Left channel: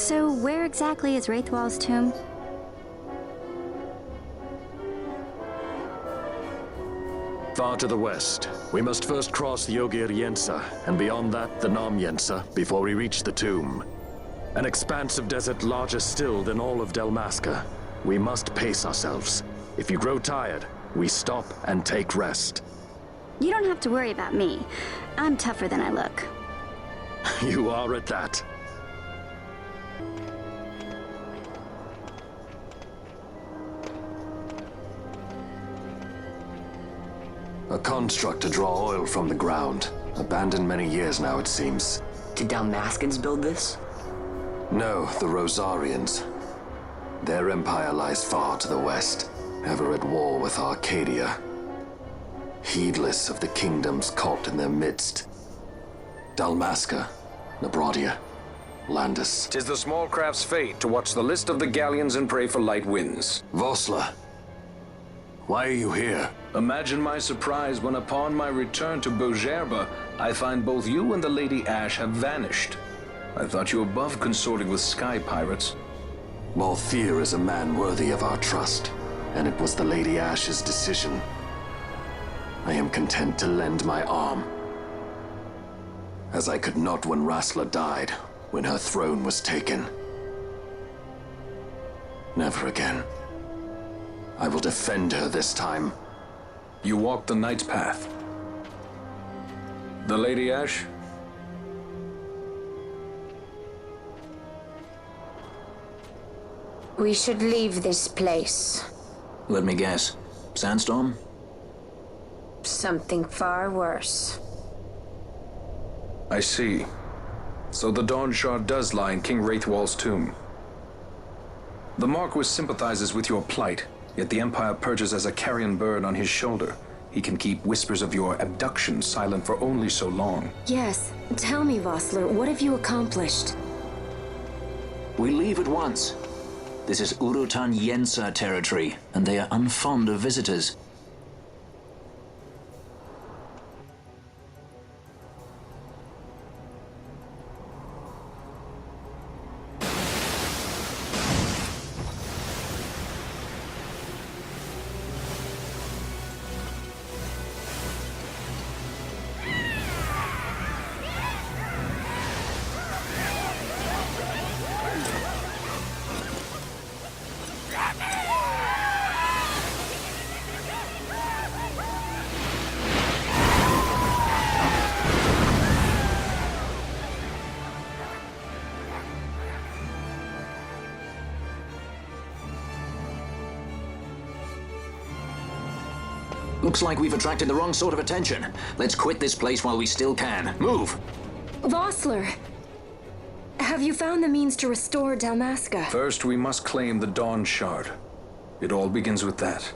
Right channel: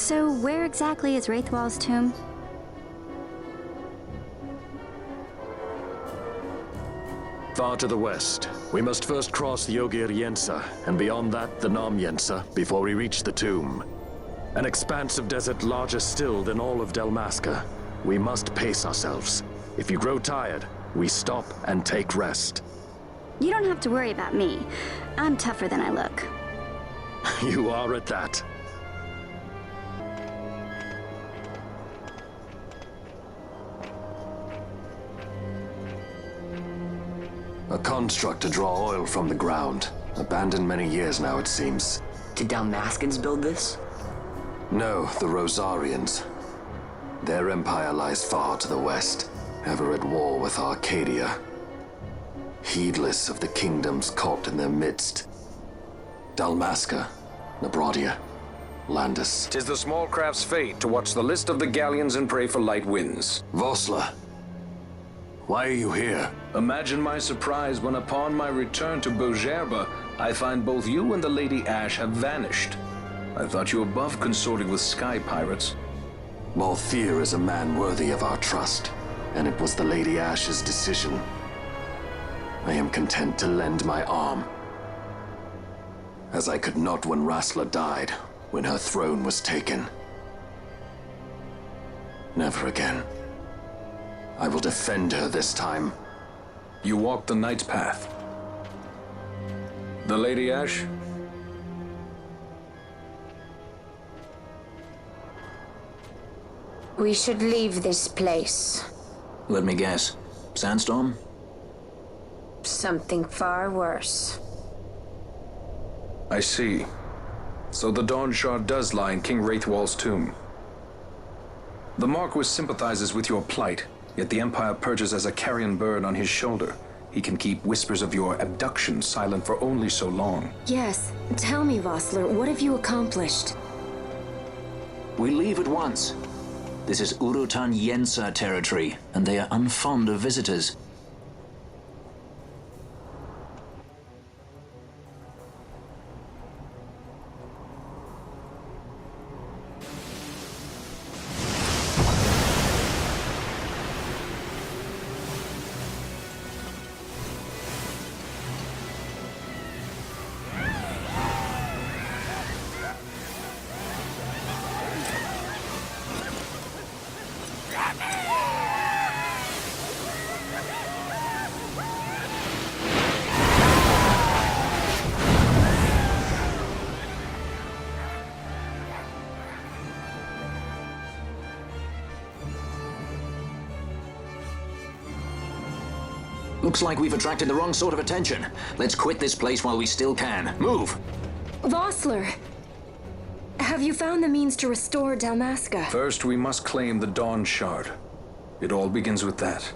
So where exactly is Wraithwall's tomb? Far to the west. We must first cross the Ogir-Yensa, and beyond that, the Nam-Yensa, before we reach the tomb. An expanse of desert larger still than all of Dalmasca. We must pace ourselves. If you grow tired, we stop and take rest. You don't have to worry about me. I'm tougher than I look. You are at that. A construct to draw oil from the ground. Abandoned many years now, it seems. Did Dalmascans build this? No, the Rosarians. Their empire lies far to the west, ever at war with Arcadia. Heedless of the kingdoms caught in their midst. Dalmasca, Nabrodia, Landis. 'Tis the small craft's fate to watch the list of the galleons and pray for light winds. Vossler, why are you here? Imagine my surprise when upon my return to Bogerba, I find both you and the Lady Ash have vanished. I thought you above consorting with sky pirates. Malthier is a man worthy of our trust, and it was the Lady Ash's decision. I am content to lend my arm, as I could not when Rassler died, when her throne was taken. Never again. I will defend her this time. You walked the Knight's path. The Lady Ash? We should leave this place. Let me guess. Sandstorm? Something far worse. I see. So the Dawn Shard does lie in King Wraithwall's tomb. The Marquis sympathizes with your plight, yet the Empire perches as a carrion bird on his shoulder. He can keep whispers of your abduction silent for only so long. Yes. Tell me, Vossler, what have you accomplished? We leave at once. This is Ogir-Yensa territory, and they are unfond of visitors. Looks like we've attracted the wrong sort of attention. Let's quit this place while we still can. Move! Vossler! Have you found the means to restore Dalmasca? First, we must claim the Dawn Shard. It all begins with that.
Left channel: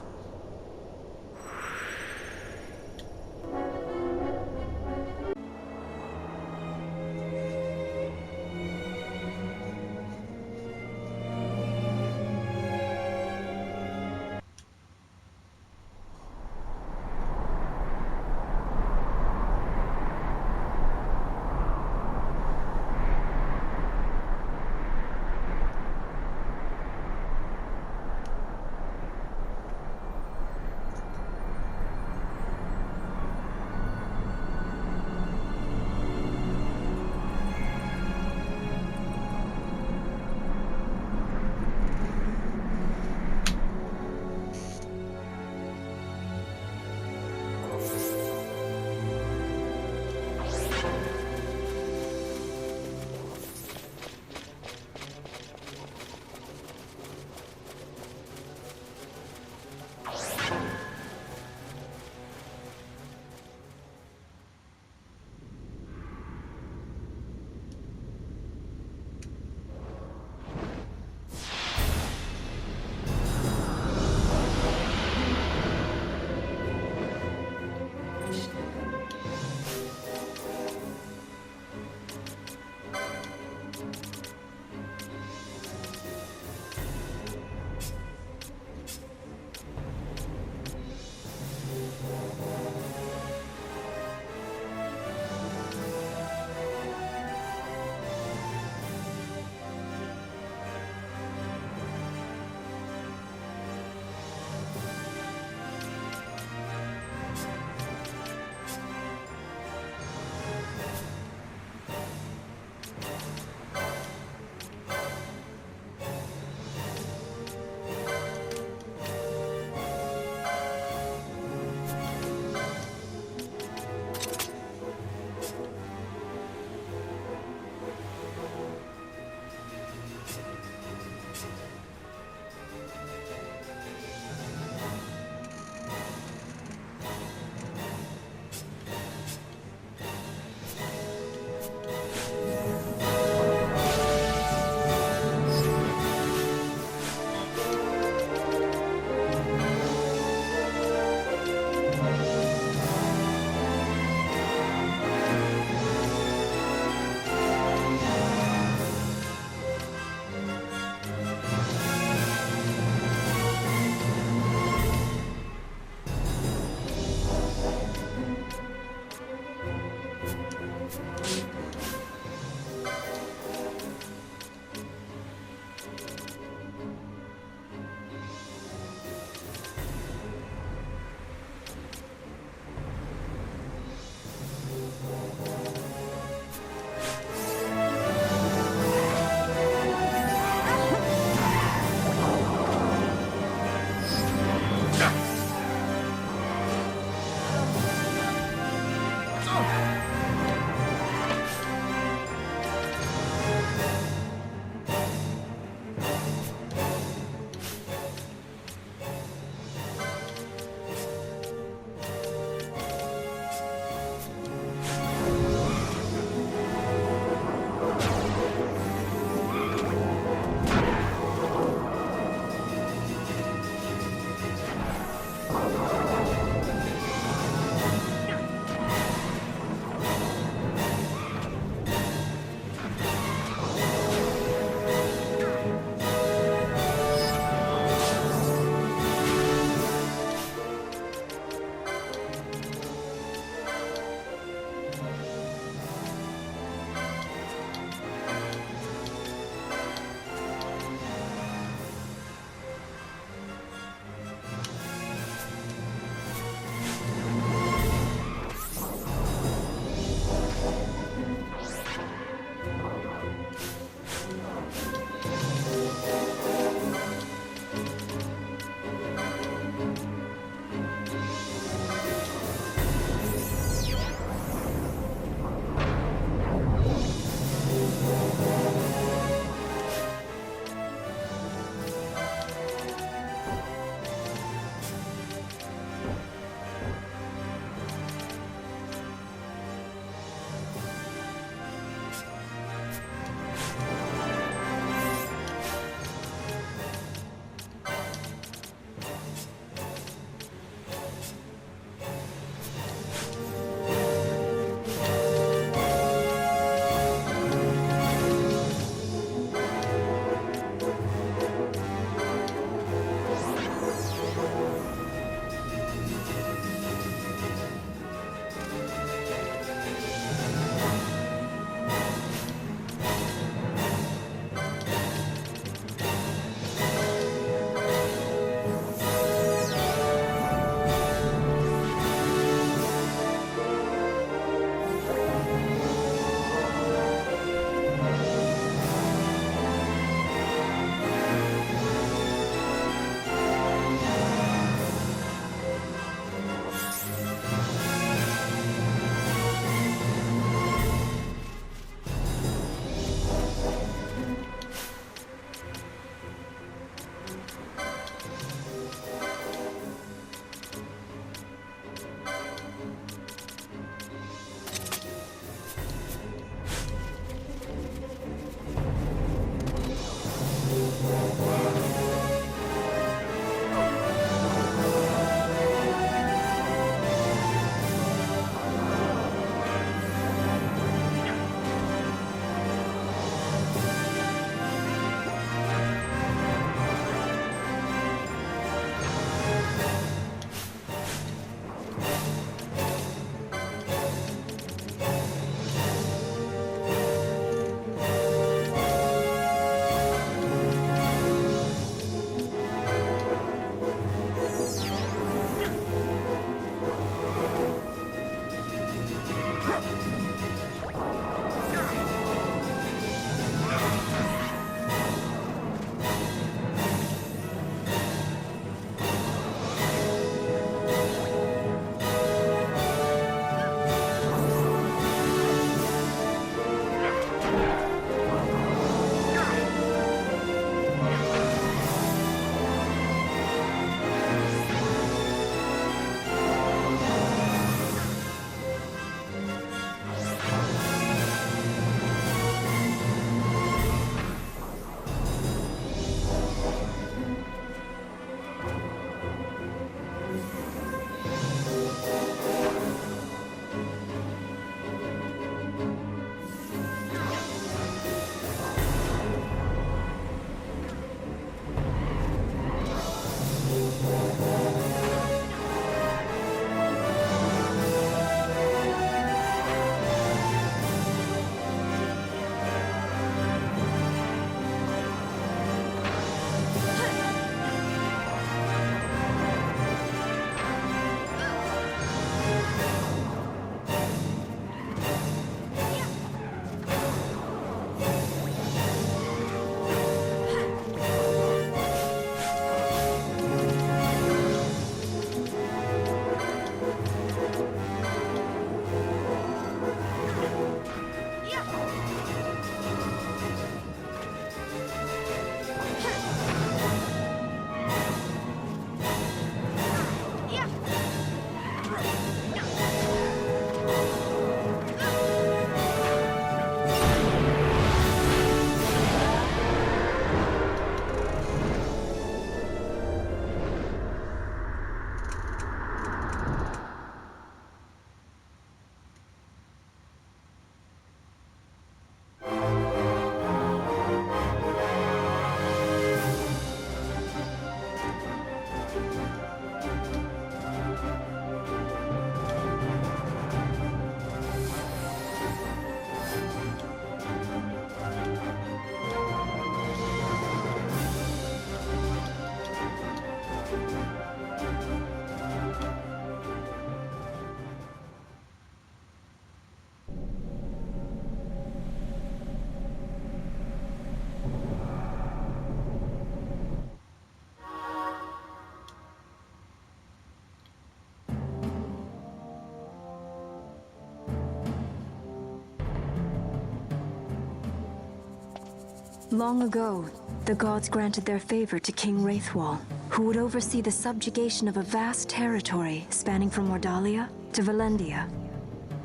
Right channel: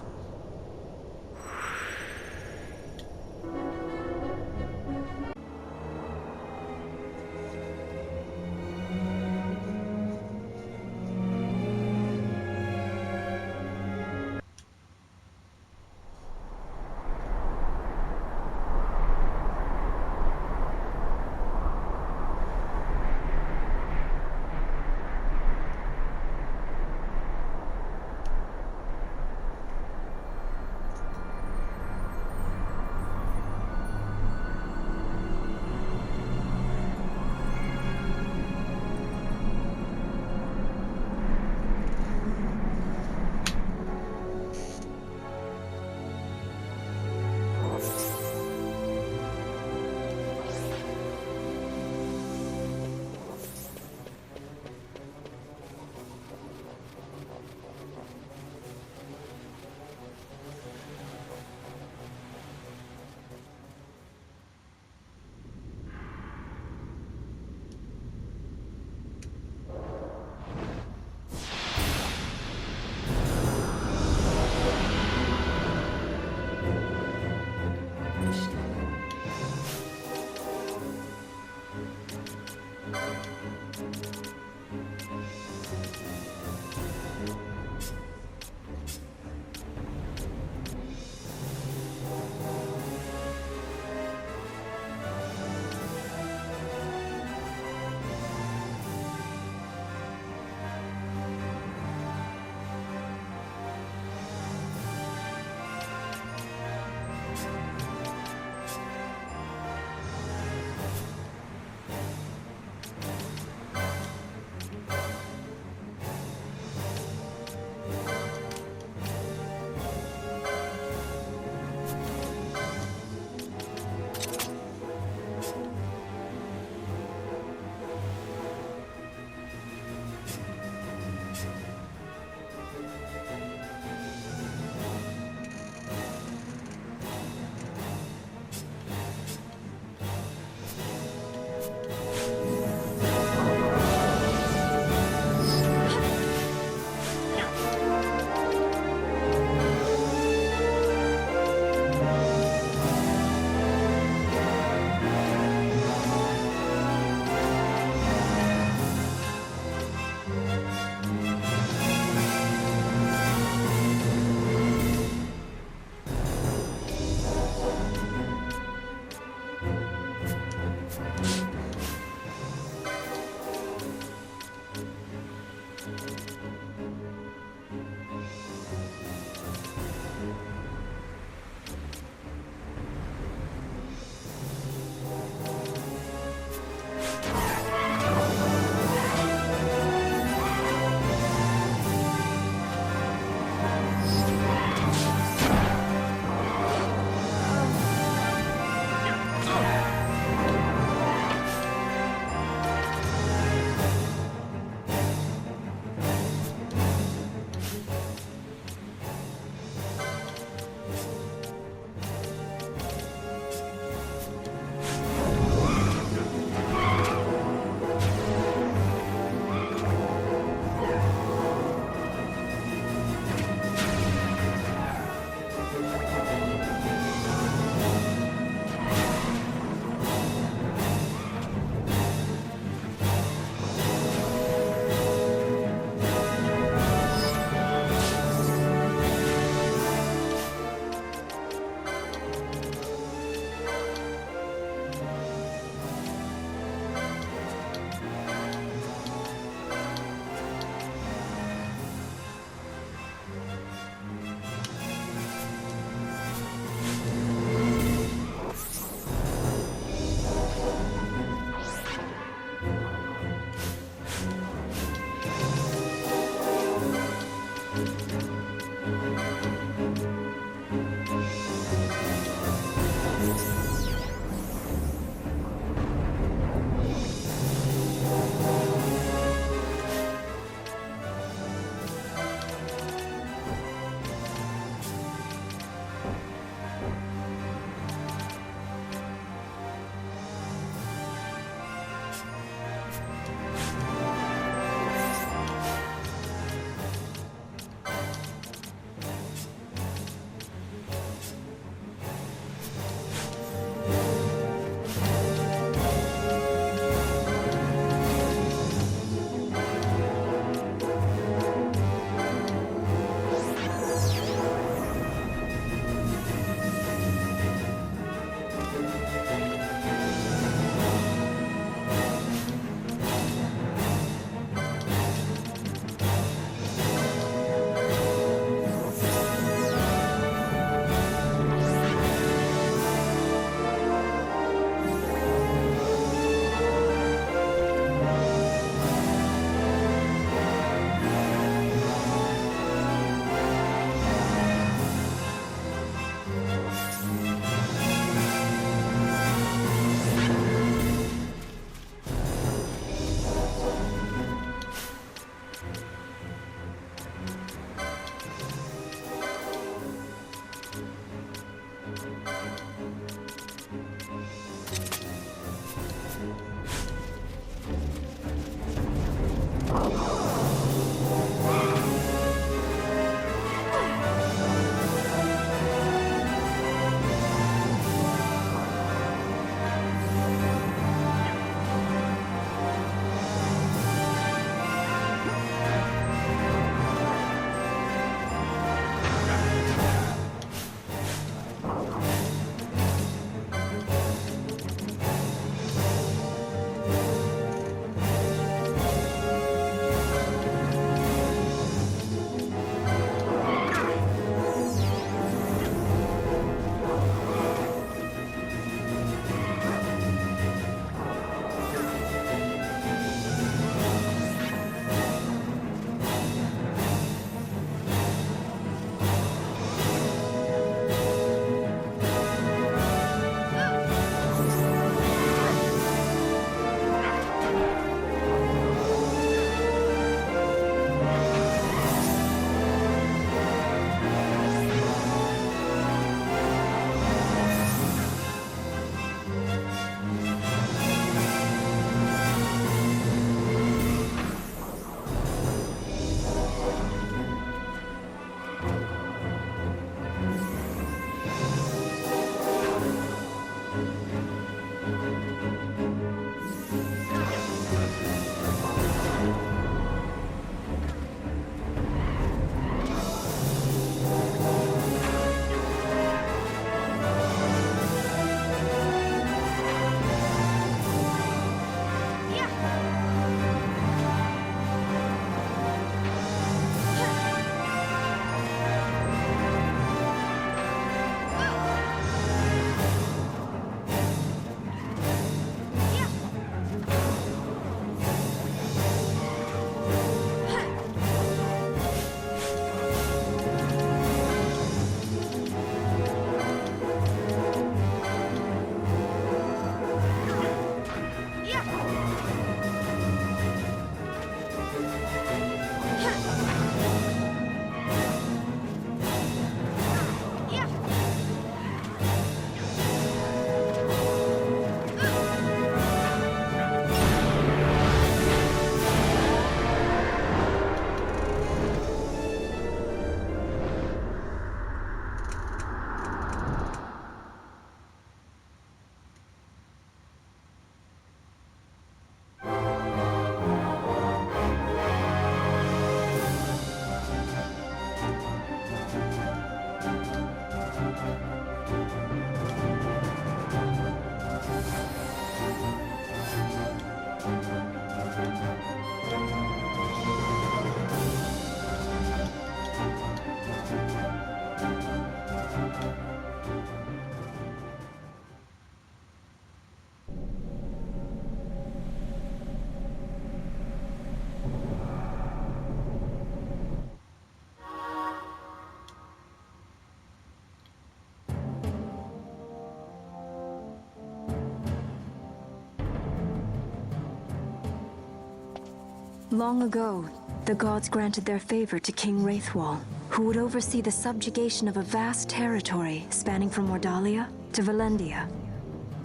Long ago, the gods granted their favor to King Wraithwall, who would oversee the subjugation of a vast territory spanning from Mordalia to Valendia.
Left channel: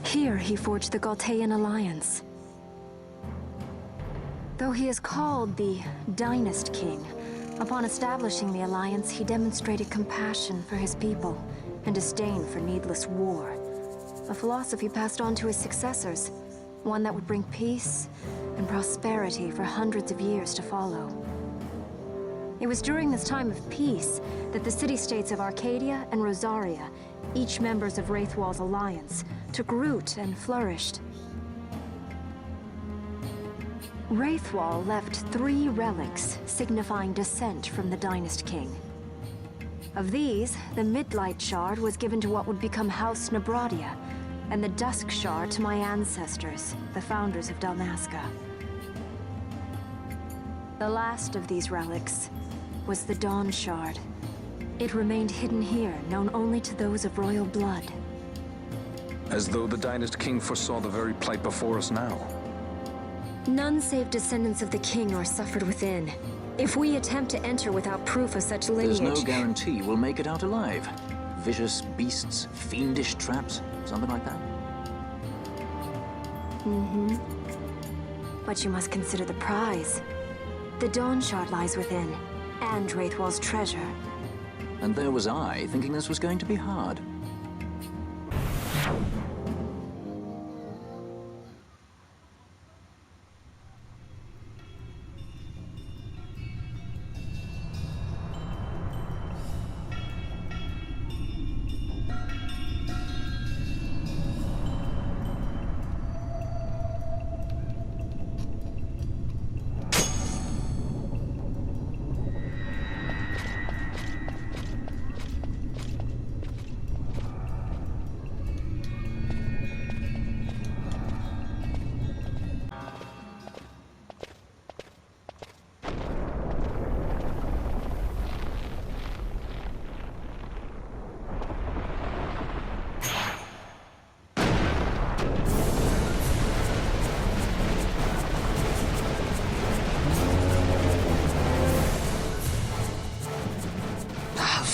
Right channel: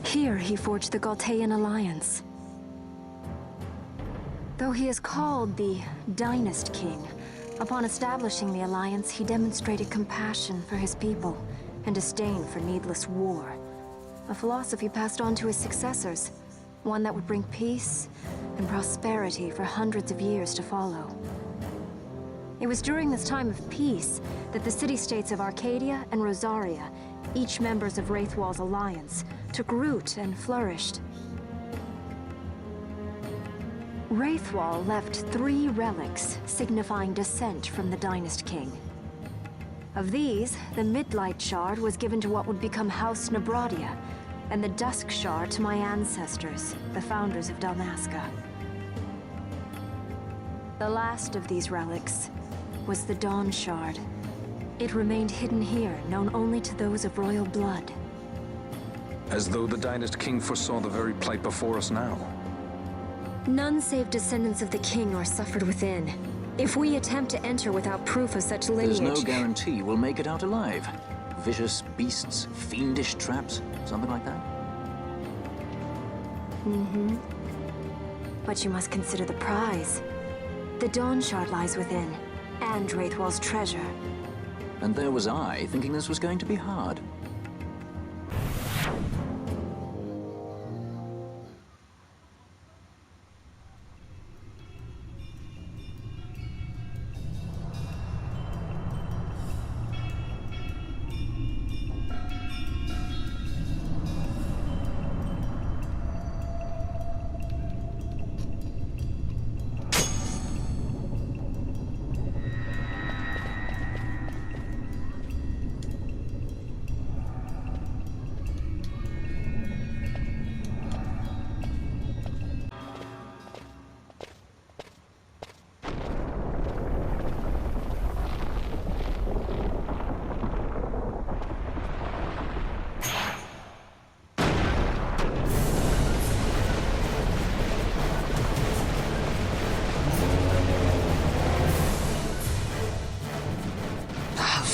Here he forged the Galtean alliance. Though he is called the Dynast King, upon establishing the alliance, he demonstrated compassion for his people and disdain for needless war. A philosophy passed on to his successors, one that would bring peace and prosperity for hundreds of years to follow. It was during this time of peace that the city-states of Arcadia and Rosaria, each members of Wraithwall's alliance, took root and flourished. Wraithwall left 3 relics signifying descent from the Dynast King. Of these, the Midlight Shard was given to what would become House Nabradia, and the Dusk Shard to my ancestors, the founders of Dalmasca. The last of these relics was the Dawn Shard. It remained hidden here, known only to those of royal blood. As though the Dynast King foresaw the very plight before us now. None save descendants of the king are suffered within. If we attempt to enter without proof of such lineage... There's no guarantee we'll make it out alive. Vicious beasts, fiendish traps, something like that? But you must consider the prize. The Dawn Shard lies within, and Wraithwall's treasure. And there was I, thinking this was going to be hard.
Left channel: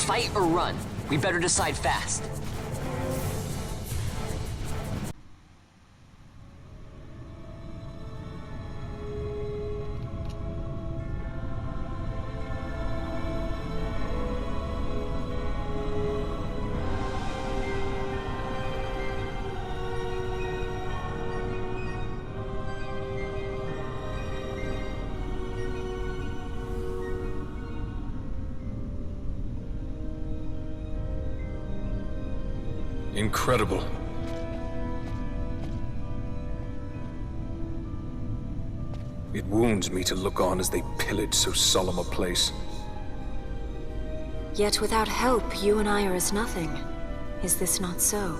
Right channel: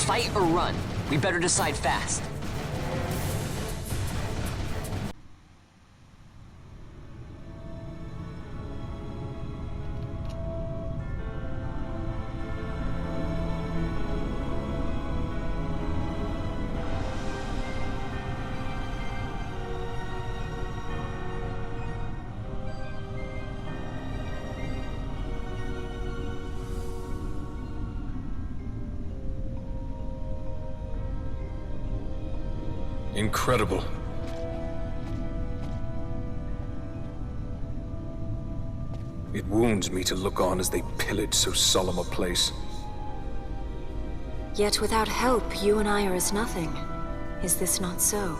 Fight or run? We better decide fast. Incredible. It wounds me to look on as they pillage so solemn a place. Yet without help, you and I are as nothing. Is this not so?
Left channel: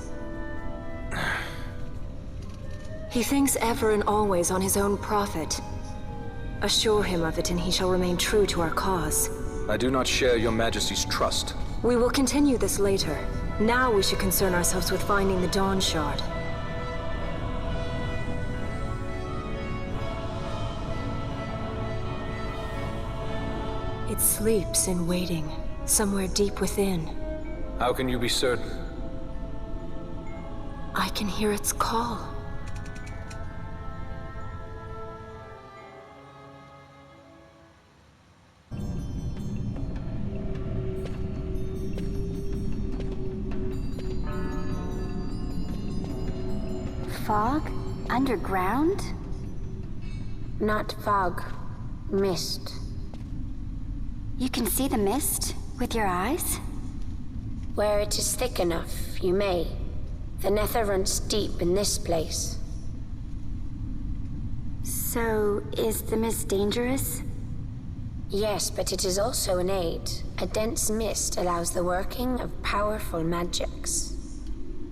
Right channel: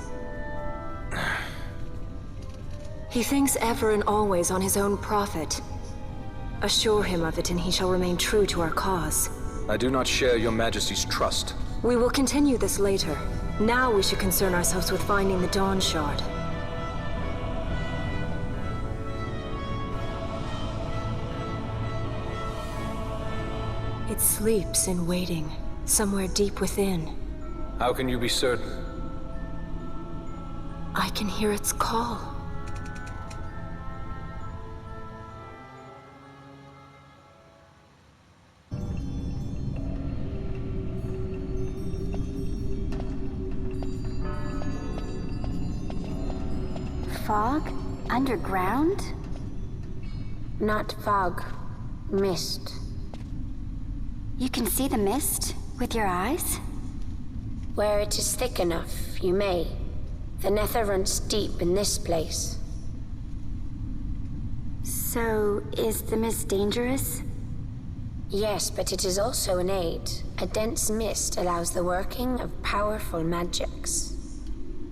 He thinks ever and always on his own profit. Assure him of it and he shall remain true to our cause. I do not share your Majesty's trust. We will continue this later. Now we should concern ourselves with finding the Dawn Shard. It sleeps in waiting, somewhere deep within. How can you be certain? I can hear its call. Fog? Underground? Not fog. Mist. You can see the mist with your eyes? Where it is thick enough, you may. The nether runs deep in this place. So, is the mist dangerous? Yes, but it is also an aid. A dense mist allows the working of powerful magics.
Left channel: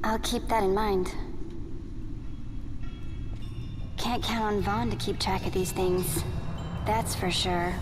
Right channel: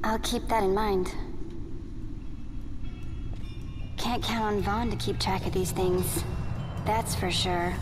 I'll keep that in mind. Can't count on Vaughn to keep track of these things. That's for sure.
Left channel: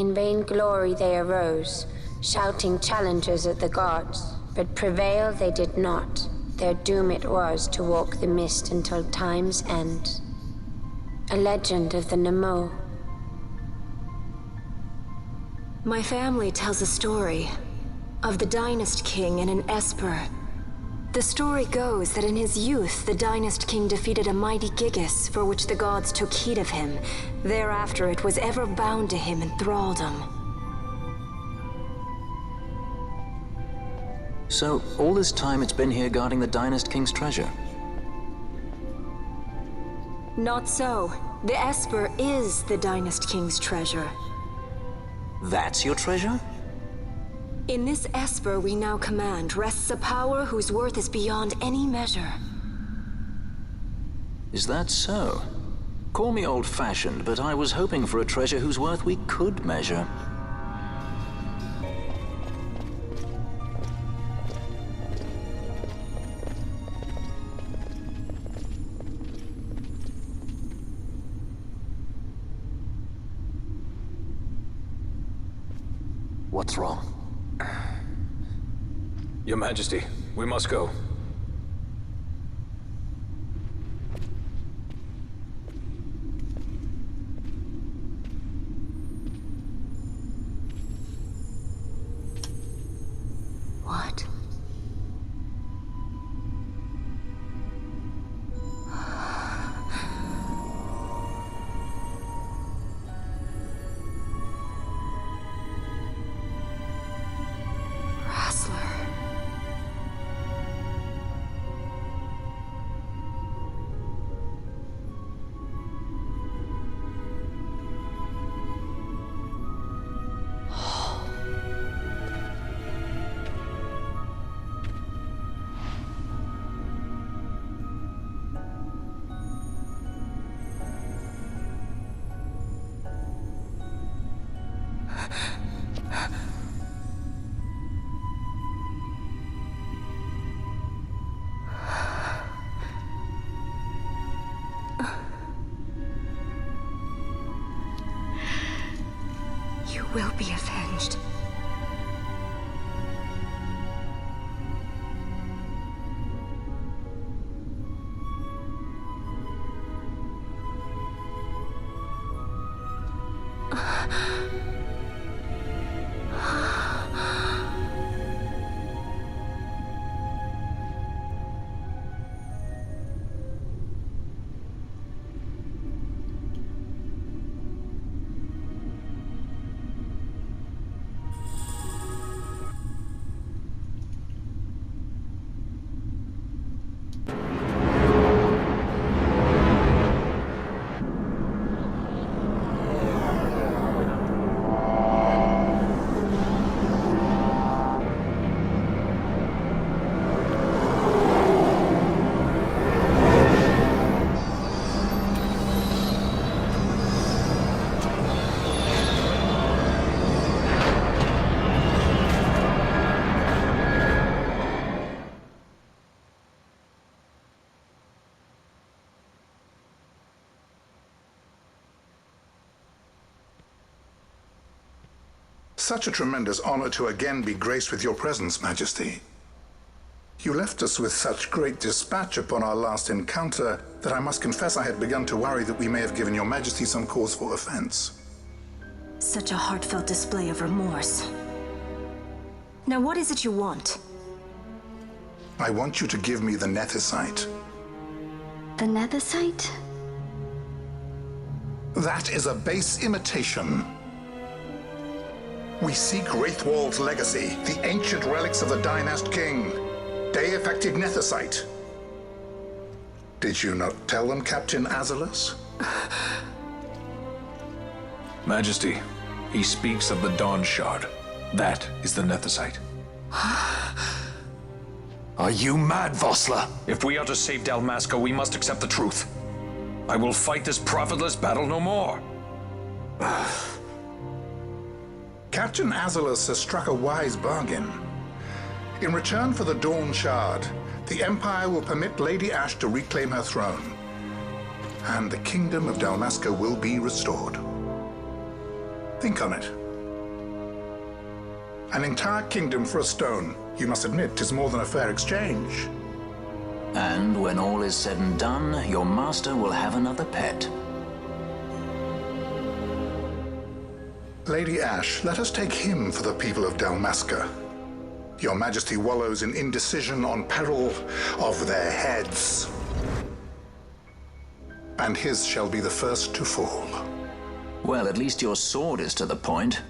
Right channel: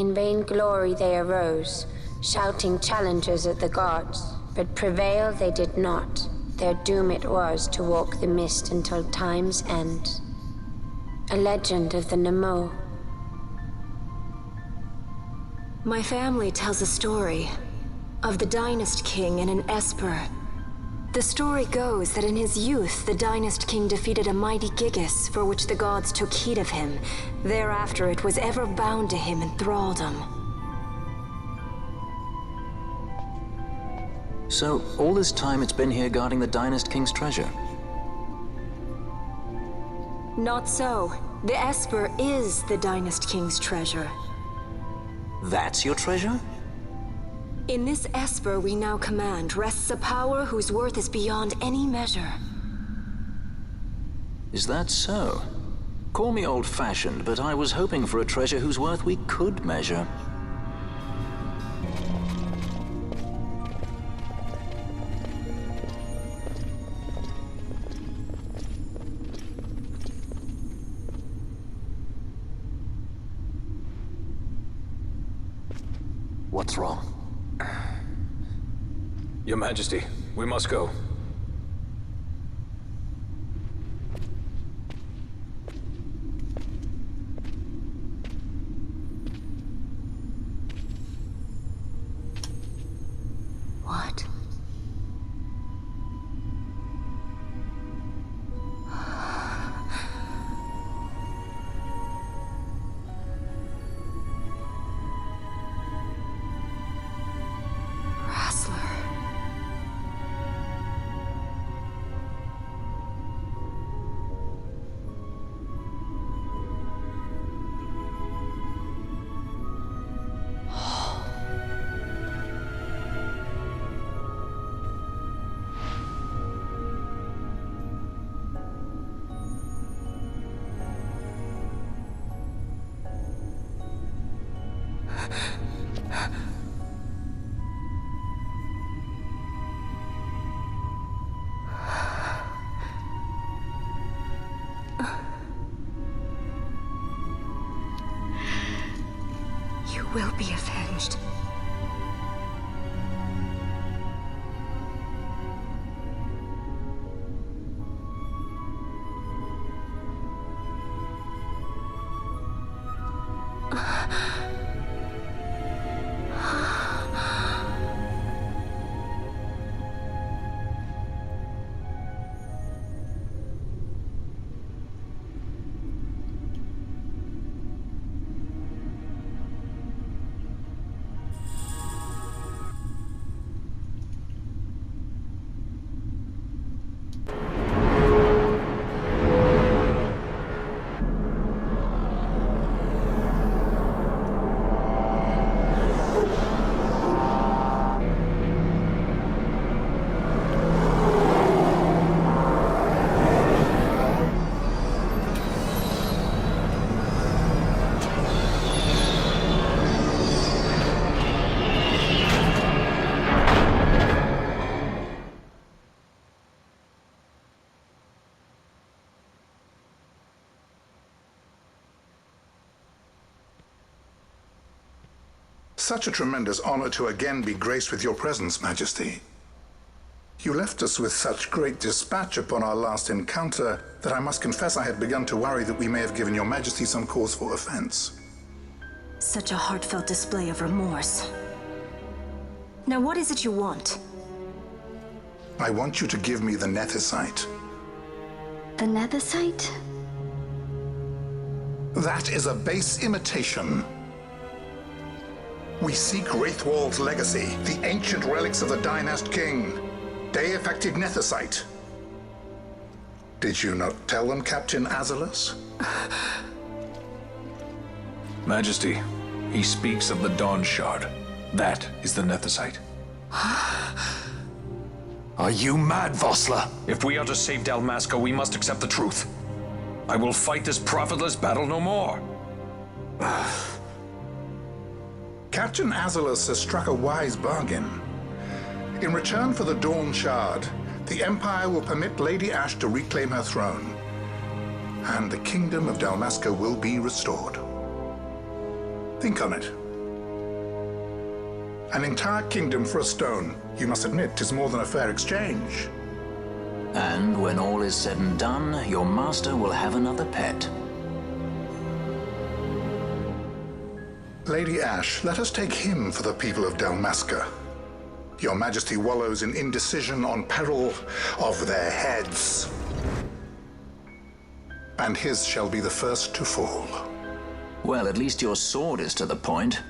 In vain glory they arose, shouting challenges at the gods, but prevail they did not. Their doom it was to walk the mist until time's end. A legend of the Nemo. My family tells a story of the Dynast King and an Esper. The story goes that in his youth, the Dynast King defeated a mighty Gigas, for which the gods took heed of him. Thereafter, it was ever bound to him in thraldom. So, all this time it's been here guarding the Dynast King's treasure? Not so. The Esper is the Dynast King's treasure. That's your treasure? In this Esper we now command rests a power whose worth is beyond any measure. Is that so? Call me old-fashioned, but I was hoping for a treasure whose worth we could measure. What's wrong? Your Majesty, we must go. What? You will be avenged. Such a tremendous honor to again be graced with your presence, Majesty. You left us with such great dispatch upon our last encounter that I must confess I had begun to worry that we may have given your Majesty some cause for offense. Such a heartfelt display of remorse. Now what is it you want? I want you to give me the Nethicite. The Nethicite? That is a base imitation. We seek Wraithwald's legacy, the ancient relics of the Dynast King. Day-affected Nethicite. Did you not tell them, Captain Azelus? Majesty, he speaks of the Dawn Shard. That is the Nethicite. Are you mad, Vossler? If we are to save Dalmasca, we must accept the truth. I will fight this profitless battle no more. Captain Azelus has struck a wise bargain. In return for the Dawn Shard, the Empire will permit Lady Ash to reclaim her throne, and the Kingdom of Dalmasca will be restored. Think on it. An entire kingdom for a stone. You must admit, 'tis more than a fair exchange. And when all is said and done, your master will have another pet. Lady Ash, let us take him for the people of Dalmasca. Your Majesty wallows in indecision on peril of their heads. And his shall be the first to fall. Well, at least your sword is to the point.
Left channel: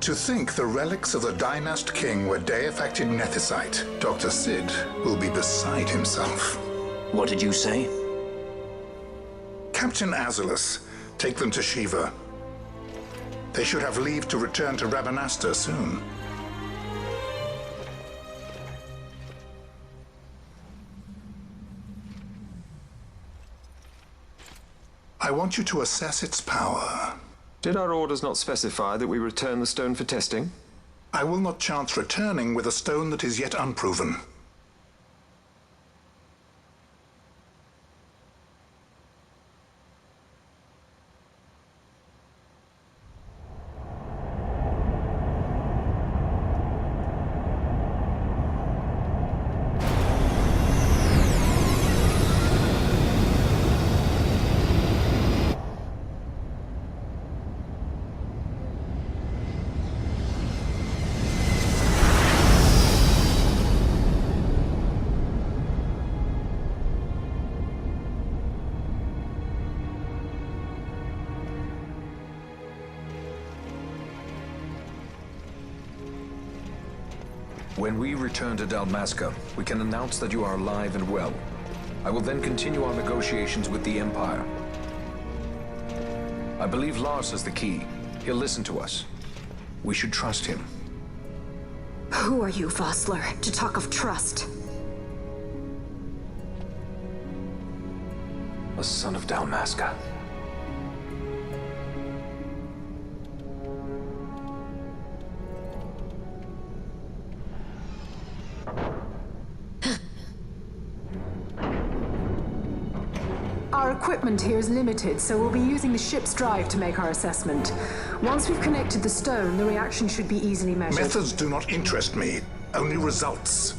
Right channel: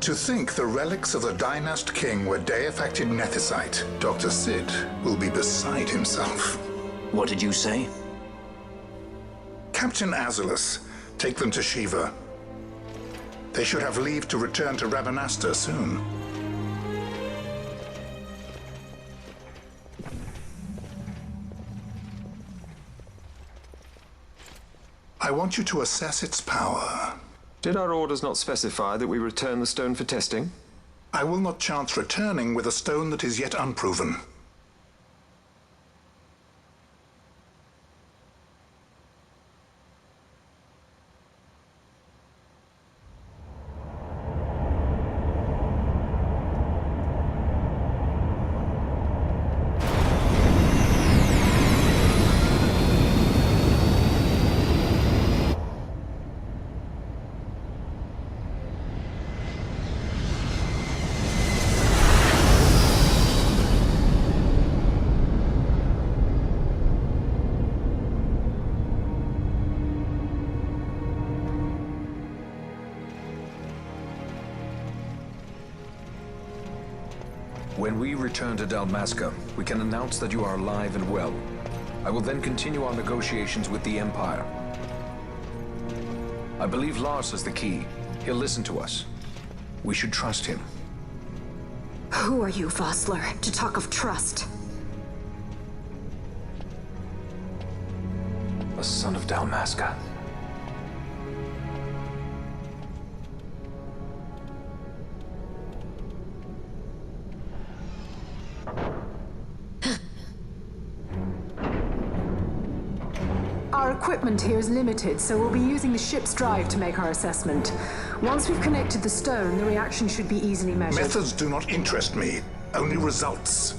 To think the relics of the Dynast King were deifacted nethicite, Dr. Sid will be beside himself. What did you say? Captain Azulus, take them to Shiva. They should have leave to return to Remaster soon. I want you to assess its power. Did our orders not specify that we return the stone for testing? I will not chance returning with a stone that is yet unproven. When we return to Dalmasca, we can announce that you are alive and well. I will then continue our negotiations with the Empire. I believe Lars has the key. He'll listen to us. We should trust him. Who are you, Vossler, to talk of trust? A son of Dalmasca. Our equipment here is limited, so we'll be using the ship's drive to make our assessment. Once we've connected the stone, the reaction should be easily measured. Methods do not interest me, only results.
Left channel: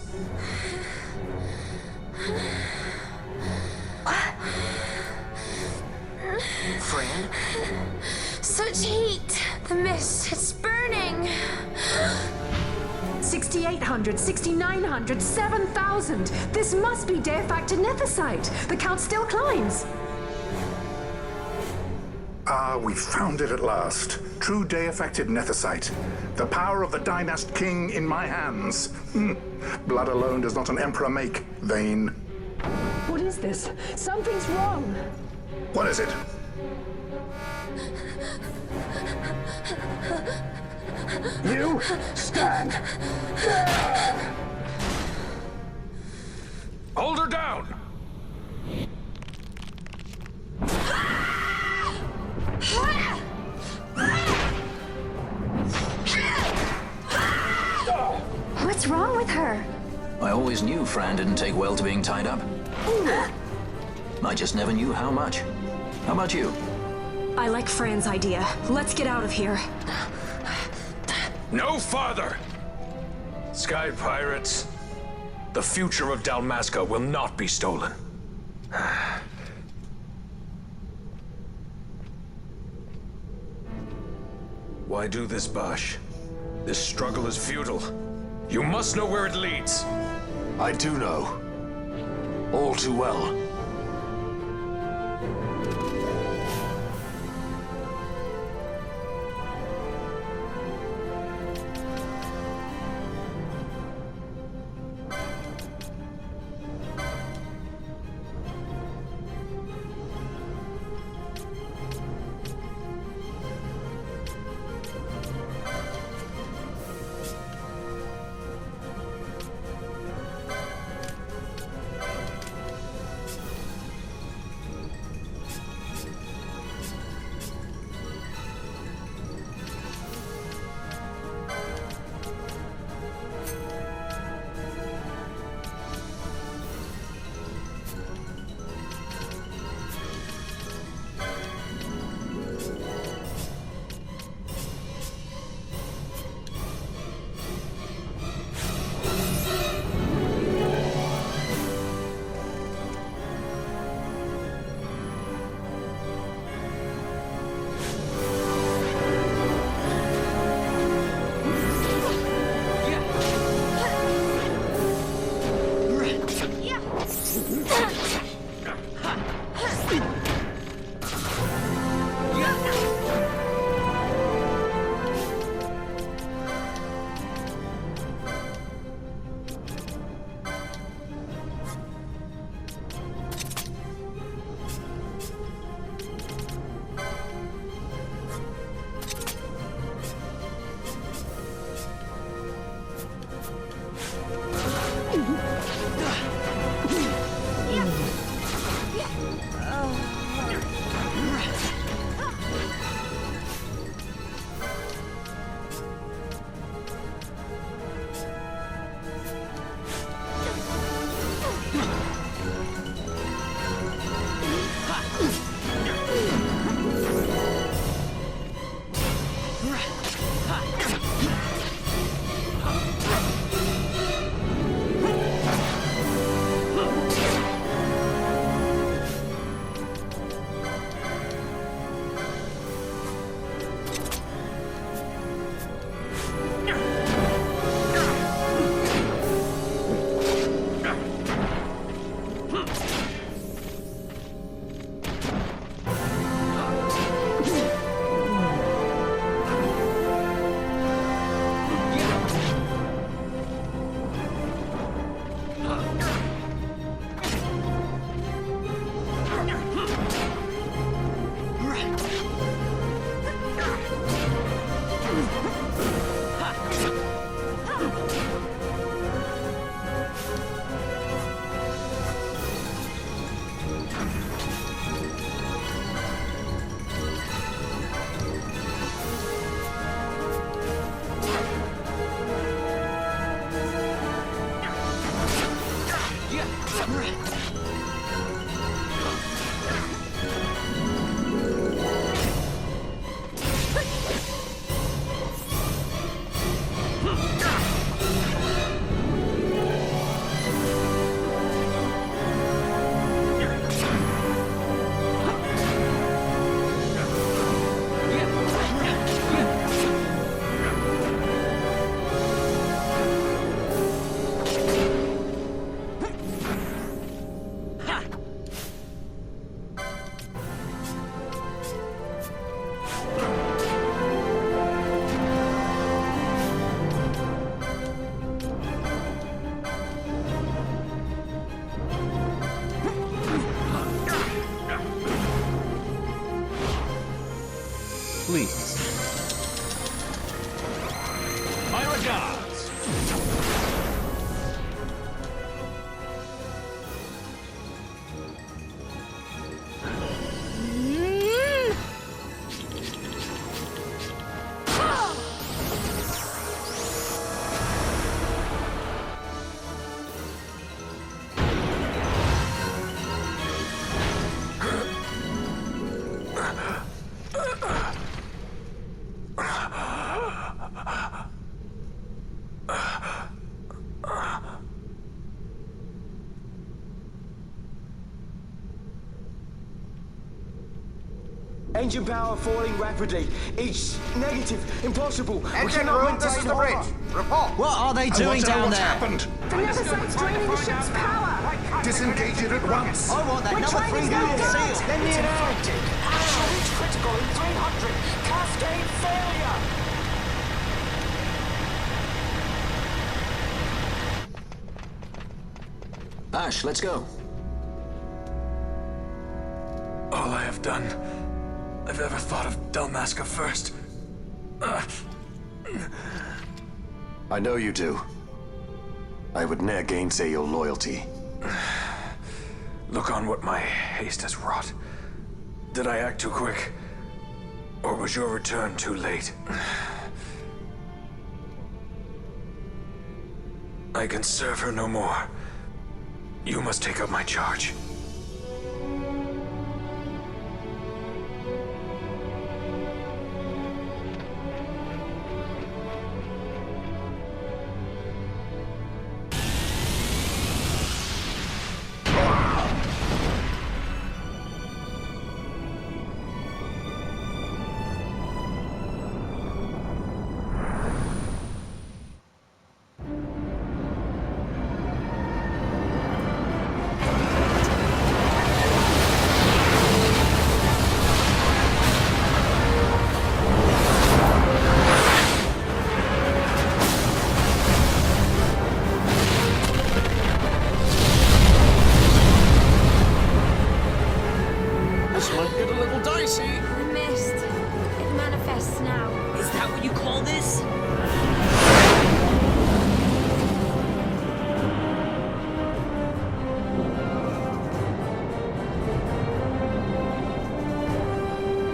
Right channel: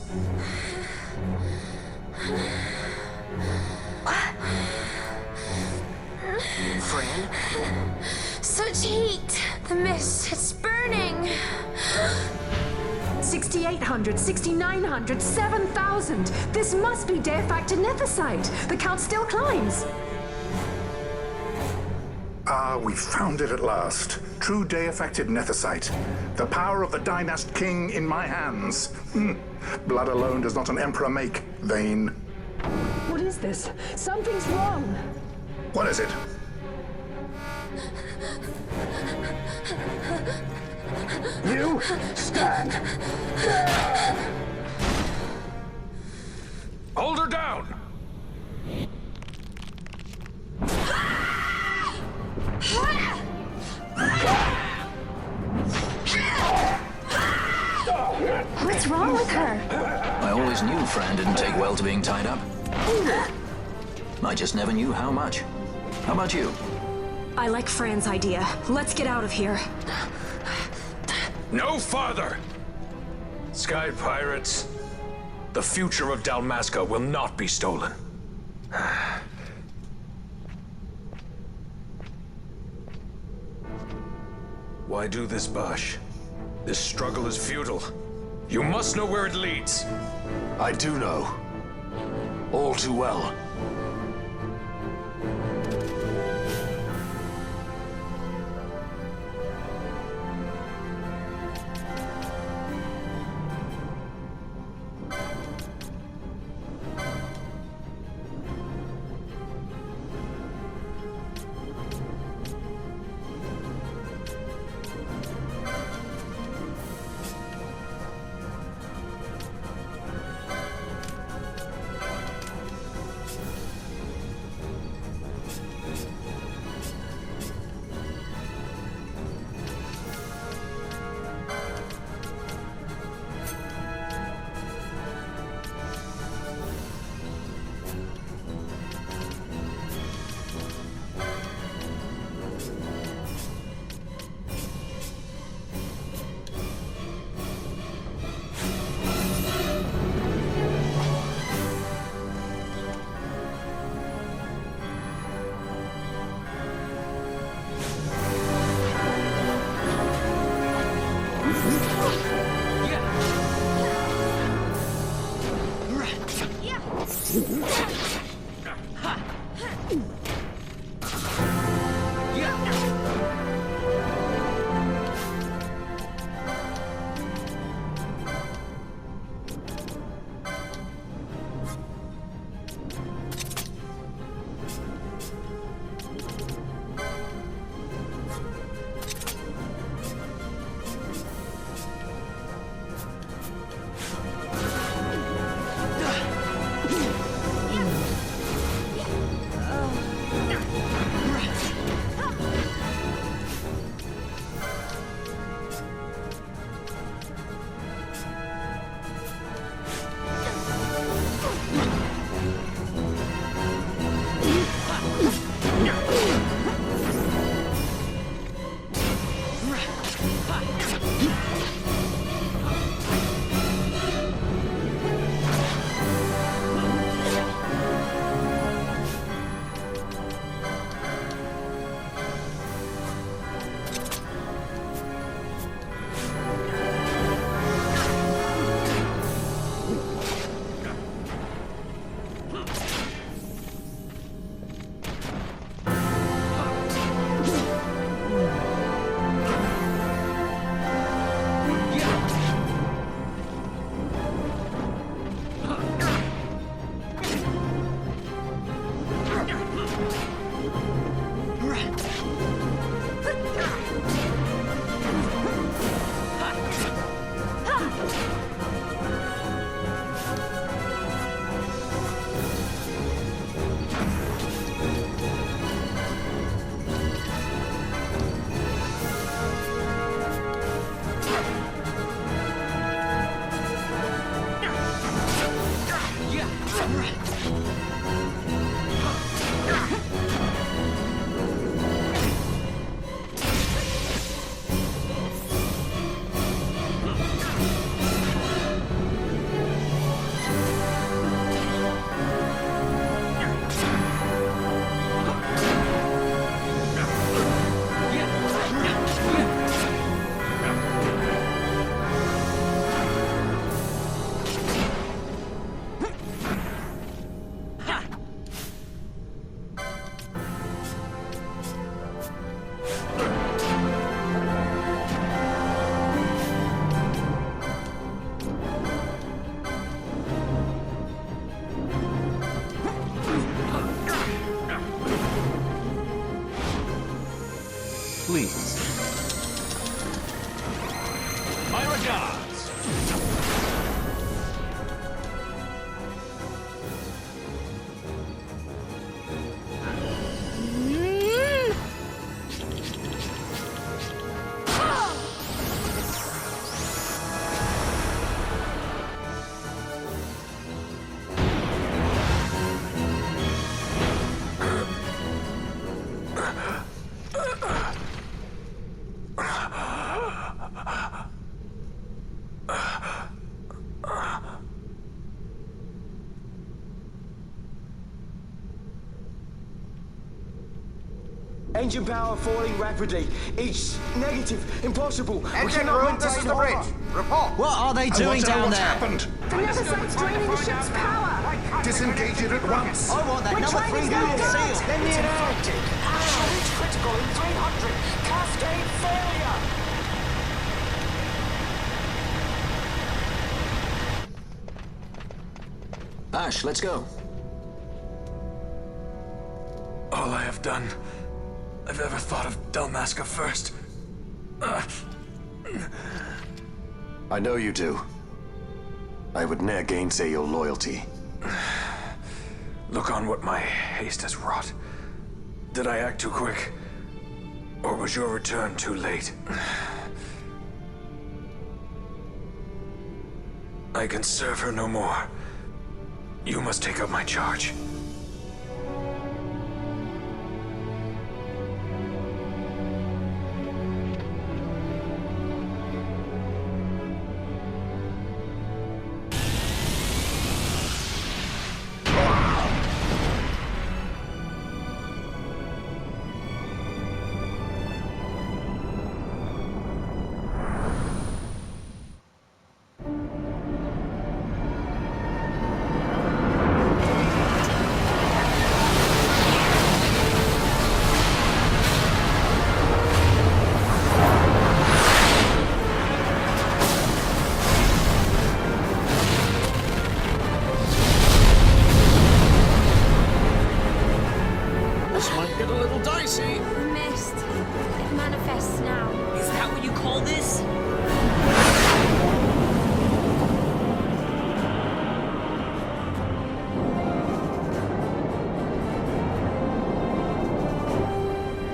Fran? Such heat! The mist, it's burning! 6,800, 6,900, 7,000! This must be deifacted nethicite! The count still climbs! Ah, we found it at last. True deifacted nethicite. The power of the Dynast King in my hands. Blood alone does not an emperor make, vain. What is this? Something's wrong! What is it? You stand. Hold her down! What's wrong with her? I always knew Fran didn't take well to being tied up. I just never knew how much. How about you? I like Fran's idea. Let's get out of here. No farther! Sky pirates, the future of Dalmasca will not be stolen. Why do this, Bosch? This struggle is futile. You must know where it leads. I do know. All too well. Please. My regards. Engine power falling rapidly. Each negative, impossible. Engine room, this is the bridge. Report. What are they doing down there? Happened? The other side's draining the ship's power. Disengage it at once. I want that We're number trying 3 to unit get seal. it. Lend me an hand. Absolute critical in 300. Cascade failure. Ash, let's go. All I have done, I've ever thought of Dalmasca first. I know you do. I would ne'er gainsay your loyalty. Look on what my haste has wrought. Did I act too quick? Or was your return too late? I can serve her no more. You must take up my charge. is she? The mist. It manifests now. Is that what you call this?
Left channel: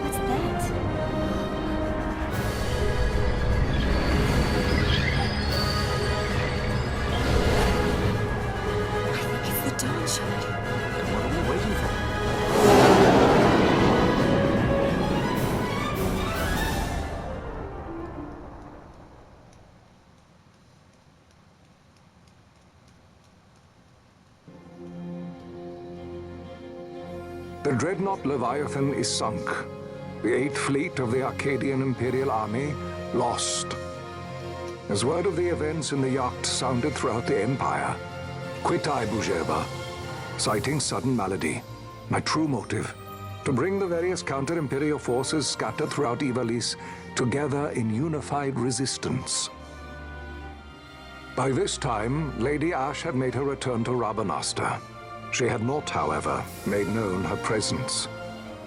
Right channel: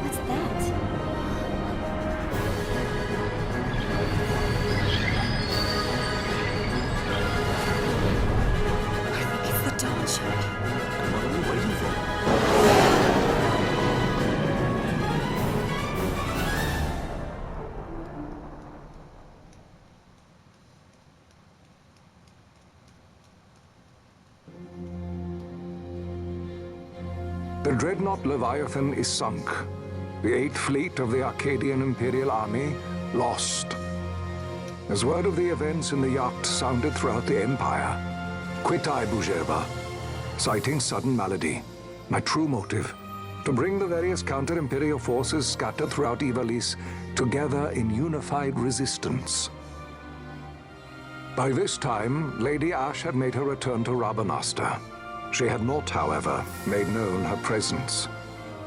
What's that? I think it's the Dawn Shard. And what are we waiting for? The dreadnought Leviathan is sunk. The 8th Fleet of the Arcadian Imperial Army lost. As word of the events in the yacht sounded throughout the Empire, quit I Bujeba, citing sudden malady. My true motive, to bring the various counter-imperial forces scattered throughout Ivalice together in unified resistance. By this time, Lady Ash had made her return to Remaster. She had not, however, made known her presence.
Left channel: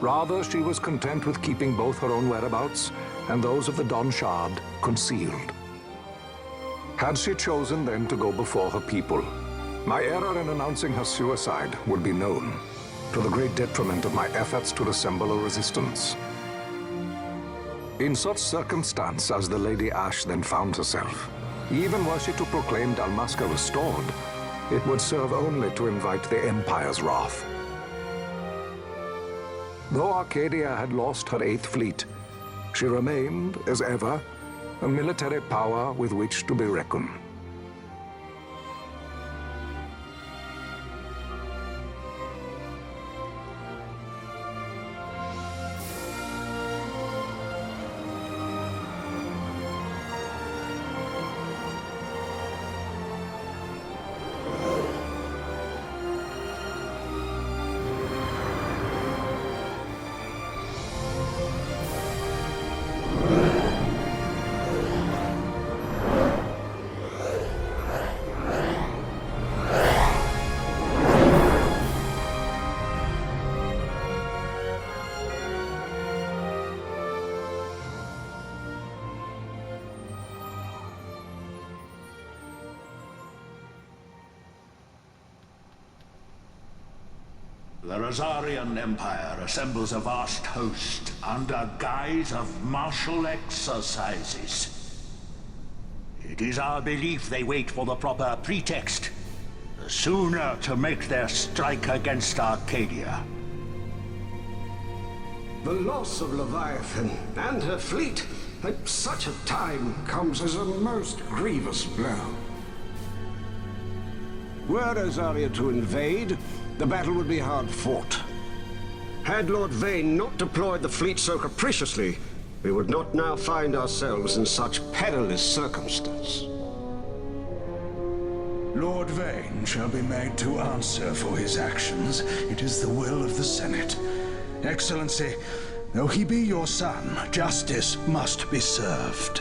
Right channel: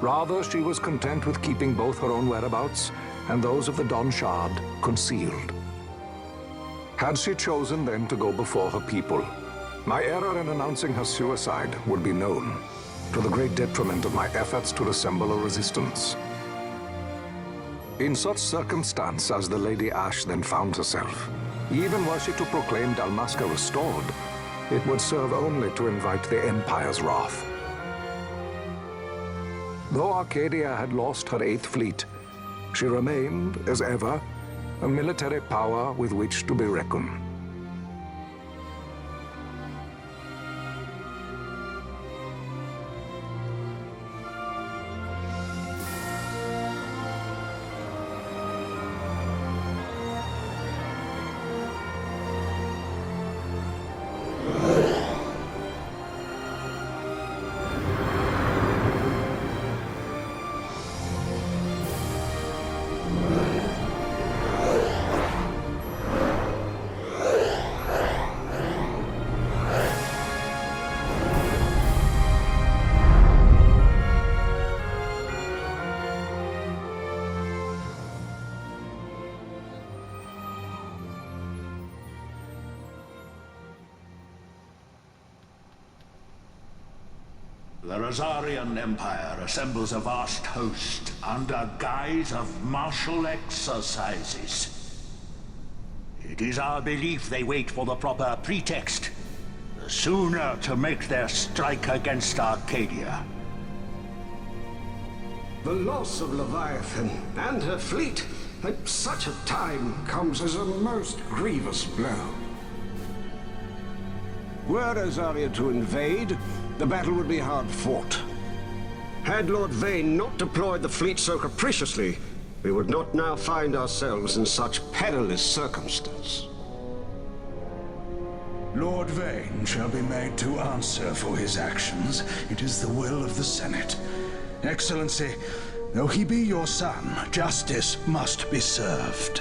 Rather, she was content with keeping both her own whereabouts and those of the Dawn Shard concealed. Had she chosen then to go before her people, my error in announcing her suicide would be known, to the great detriment of my efforts to assemble a resistance. In such circumstance as the Lady Ash then found herself, even were she to proclaim Dalmasca restored, it would serve only to invite the Empire's wrath. Though Arcadia had lost her 8th Fleet, she remained, as ever, a military power with which to be reckoned. The Rosarian Empire assembles a vast host under guise of martial exercises. It is our belief they wait for the proper pretext, the sooner to make their strike against Arcadia. The loss of Leviathan and her fleet at such a time comes as a most grievous blow. Were Rosaria to invade, the battle would be hard fought. Had Lord Vane not deployed the fleet so capriciously, we would not now find ourselves in such perilous circumstance. Lord Vane shall be made to answer for his actions. It is the will of the Senate. Excellency, though he be your son, justice must be served.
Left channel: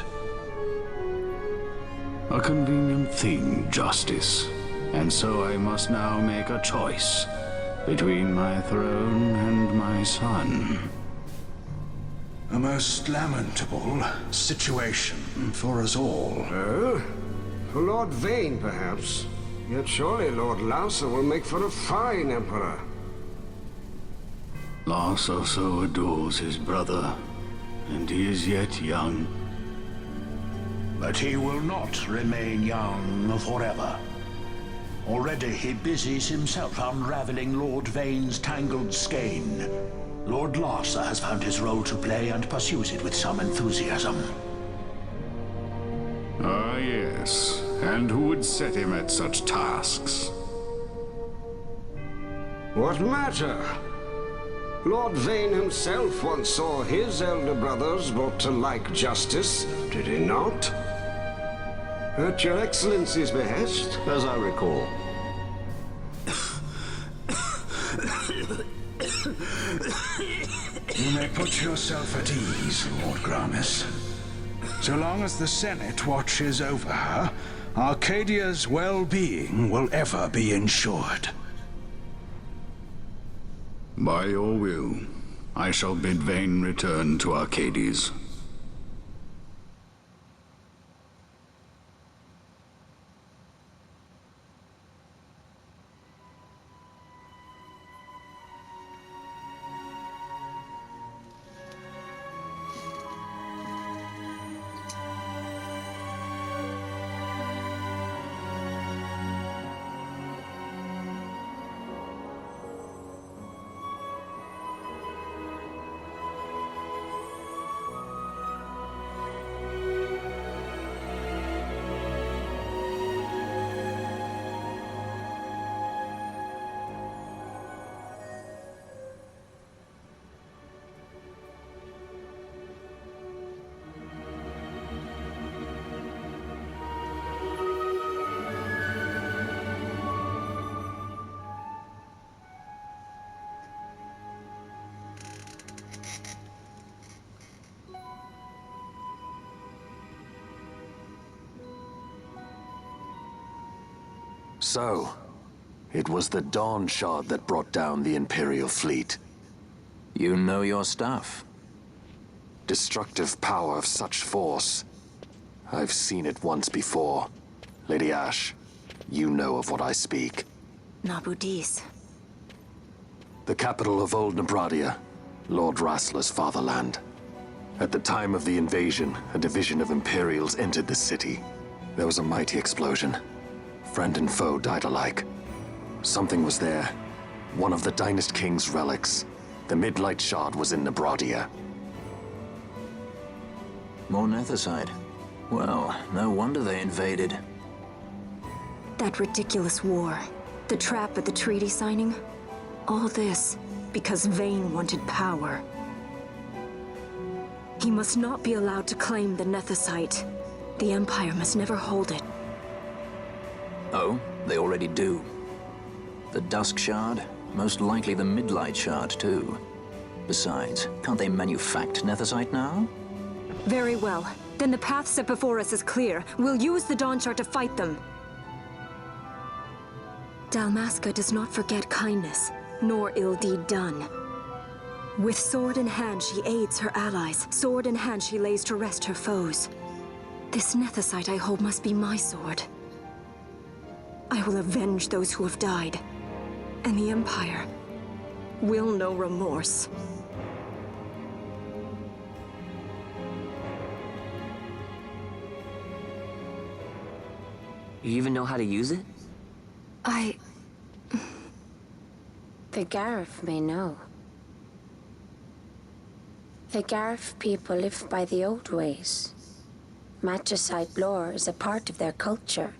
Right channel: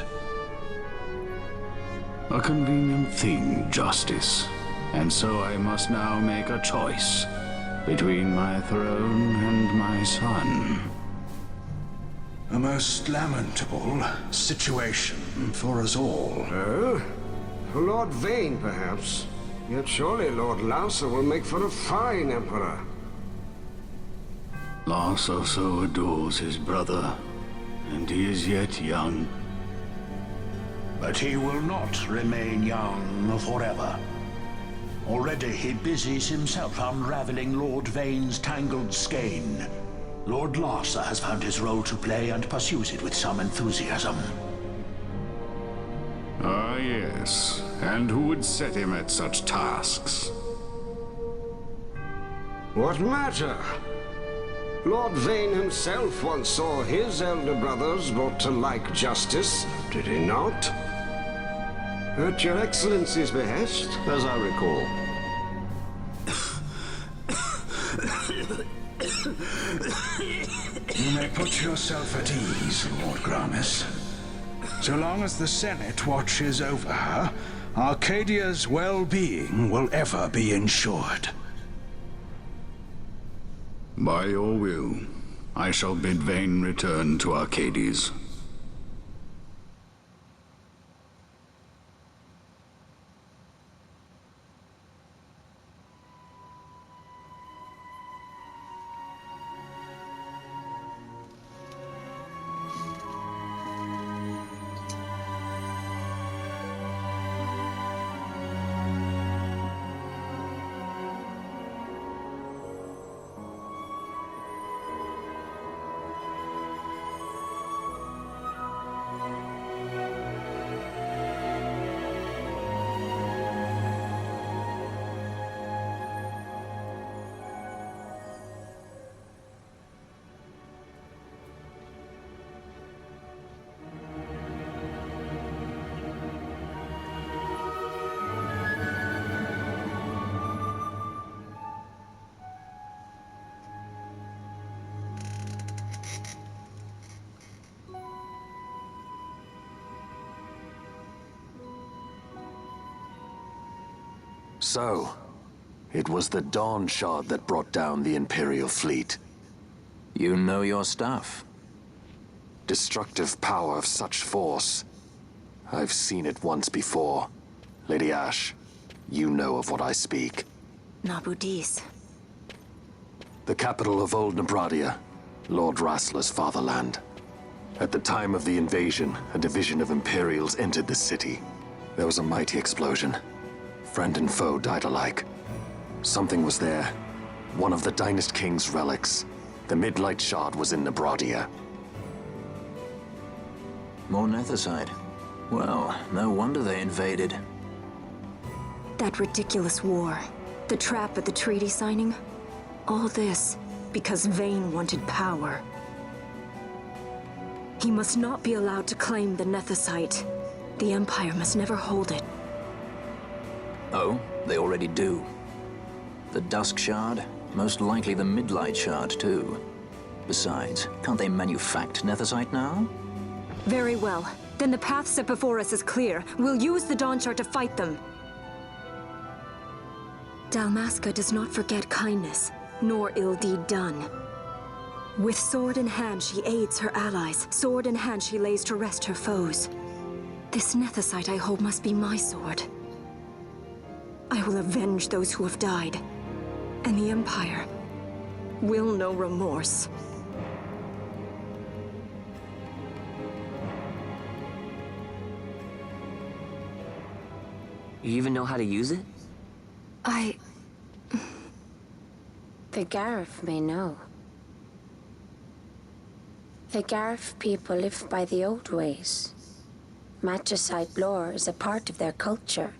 A convenient thing, justice. And so I must now make a choice between my throne and my son. A most lamentable situation for us all. Oh? For Lord Vane, perhaps. Yet surely Lord Larsa will make for a fine emperor. Larsa so adores his brother, and he is yet young. But he will not remain young forever. Already he busies himself unraveling Lord Vane's tangled skein. Lord Larsa has found his role to play and pursues it with some enthusiasm. Ah, yes. And who would set him at such tasks? What matter? Lord Vane himself once saw his elder brothers brought to like justice, did he not? At your Excellency's behest, as I recall. You may put yourself at ease, Lord Gramis. So long as the Senate watches over her, Arcadia's well-being will ever be ensured. By your will. I shall bid Vayne return to Arcades. So, it was the Dawn Shard that brought down the Imperial fleet. You know your stuff. Destructive power of such force. I've seen it once before. Lady Ash, you know of what I speak. Nabudis. The capital of Old Nebradia, Lord Rassler's fatherland. At the time of the invasion, a division of Imperials entered the city. There was a mighty explosion. Friend and foe died alike. Something was there. One of the Dynast King's relics. The Midlight Shard was in Nebradia. More Nethicite. Well, no wonder they invaded. That ridiculous war. The trap at the treaty signing. All this because Vayne wanted power. He must not be allowed to claim the Nethicite. The Empire must never hold it. Oh, they already do. The Dusk Shard, most likely the Midlight Shard too. Besides, can't they manufacture Nethicite now? Very well. Then the path set before us is clear. We'll use the Dawn Shard to fight them. Dalmasca does not forget kindness, nor ill deed done. With sword in hand, she aids her allies. Sword in hand, she lays to rest her foes. This Nethicite I hold must be my sword. I will avenge those who have died, and the Empire will know remorse. You even know how to use it? The Garif may know. The Garif people live by the old ways. Magicite lore is a part of their culture.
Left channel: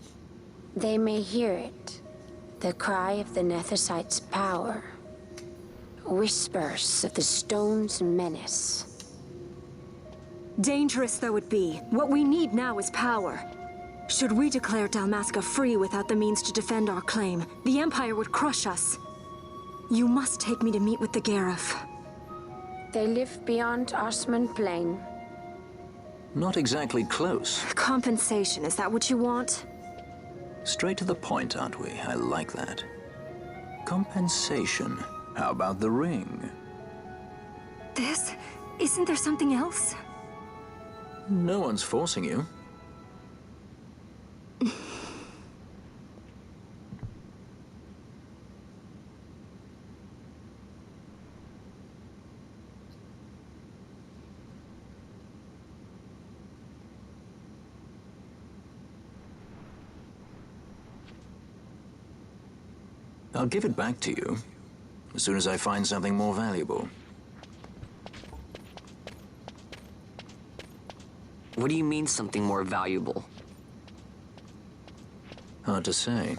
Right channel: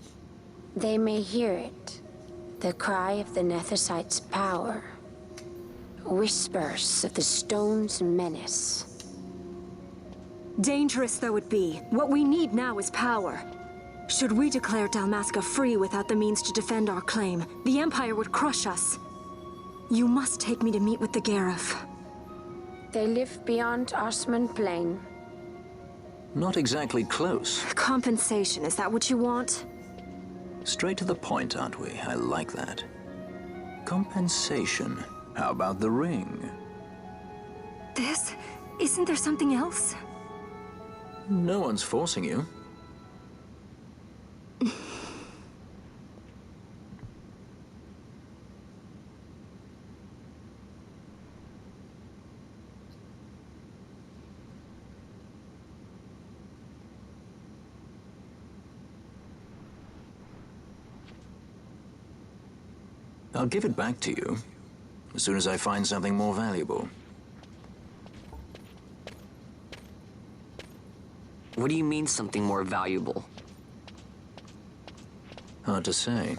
They may hear it, the cry of the Nethicite's power. Whispers of the stone's menace. Dangerous though it be, what we need now is power. Should we declare Dalmasca free without the means to defend our claim, the Empire would crush us. You must take me to meet with the Garif. They live beyond Osman Plain. Not exactly close. Compensation, is that what you want? Straight to the point, aren't we? I like that. Compensation. How about the ring? This? Isn't there something else? No one's forcing you. I'll give it back to you as soon as I find something more valuable. What do you mean something more valuable? Hard to say.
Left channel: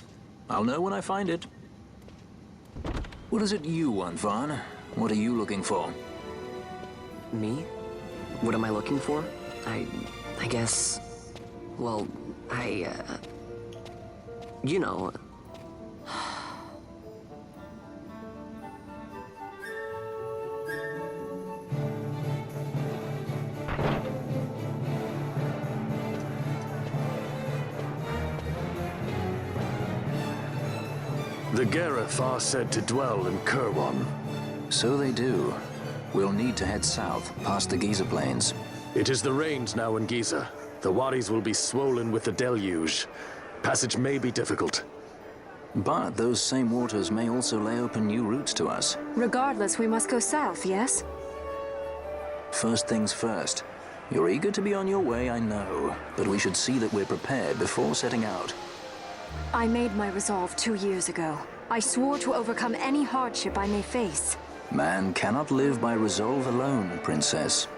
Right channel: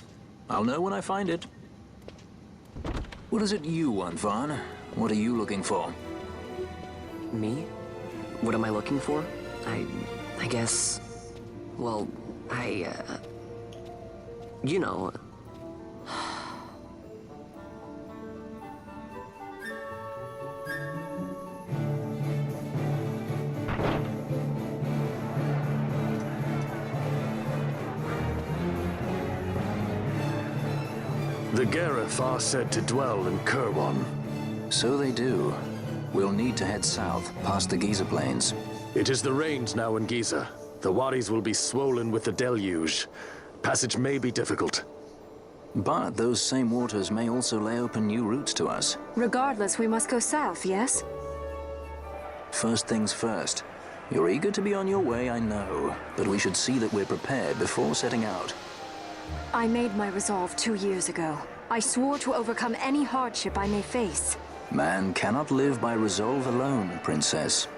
I'll know when I find it. What is it you want, Vaughn? What are you looking for? Me? What am I looking for? I guess... Well, you know... The Garif are said to dwell in Kirwan. So they do. we'll need to head south, past the Giza Plains. It is the rains now in Giza. The wadis will be swollen with the deluge. Passage may be difficult. But those same waters may also lay open new routes to us. Regardless, we must go south, yes? First things first. You're eager to be on your way, I know, but we should see that we're prepared before setting out. I made my resolve 2 years ago. I swore to overcome any hardship I may face. Man cannot live by resolve alone, Princess.